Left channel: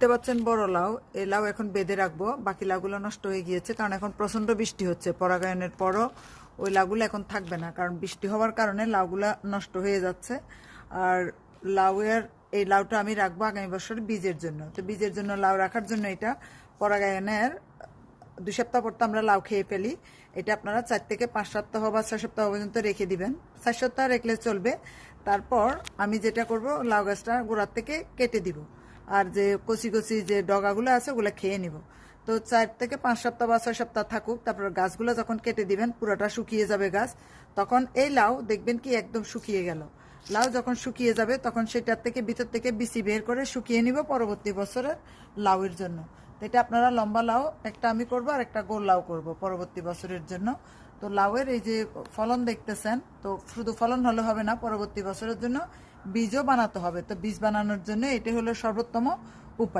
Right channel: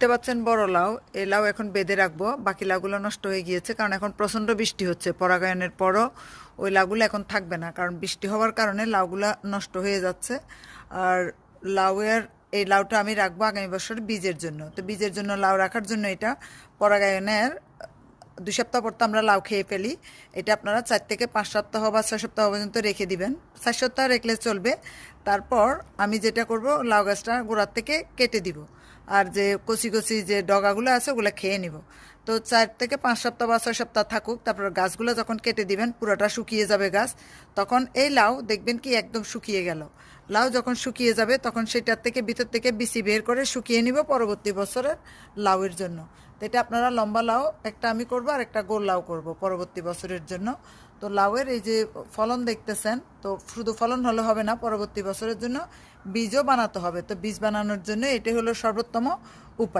দেখতে পাচ্ছেন বড় লাউ, এই লাউ এখন বেঁধে রাখবো। বাকি লাউগুলো নষ্ট হয়ে গিয়েছে কারণ এখন প্রচণ্ড বৃষ্টি হচ্ছে। পরাগায়নের পরও ওই লাউগুলো এখন থাকবে না, কারণ বৃষ্টি হওয়ার কারণে লাউগুলো নষ্ট হয়ে যাচ্ছে। আর লাউয়ের এই লাউটা আমি রাখবো আগামী বছর বীজের জন্য। তো বীজের জন্য লাউ রাখার জন্য এটা পরাগায়নের 2 সপ্তাহ পর তো আমরা লাউ খেয়ে ফেলি। এটা আপনারা 4 থেকে 5 সপ্তাহ বা 6 সপ্তাহ পর্যন্ত রেখে দিবেন। 4 সপ্তাহ রাখলে চলবে। তারপর আমি যেটা করব, লাউ গাছটা গোড়ার থেকে কেটে দিব, আর যে কচি কচি যে ডগাগুলো আছে ওগুলো খেয়ে নিব। তো 4 থেকে 5 সপ্তাহ বা 6 সপ্তাহ থাকুক, তারপর গাছগুলো যখন কেটে দিবেন পুরোটা শুকিয়ে যাবে গাছ, তখন এই লাউ দেখবেন কি একদম শুকিয়ে গেল। লাউ যখন শুকিয়ে যাবে তখন সেটার থেকে ভিতর থেকে বিচি বের করে শুকিয়ে নিব পরবর্তী বছরের লাউয়ের জন্য। তো এটা আপনারা লম্বা লাউ একটা আমি করব আর একটা গোল লাউ করব পরবর্তী বছরের জন্য। তো লাউয়ের এই যে ফলন দেখতেছেন, তো শুধু ফলন হলে হবে না, পরবর্তী বছরের জন্য বীজও বানাতে হবে। তো বীজ বানানোর জন্য এটাই হলো সর্বোত্তম উপায়।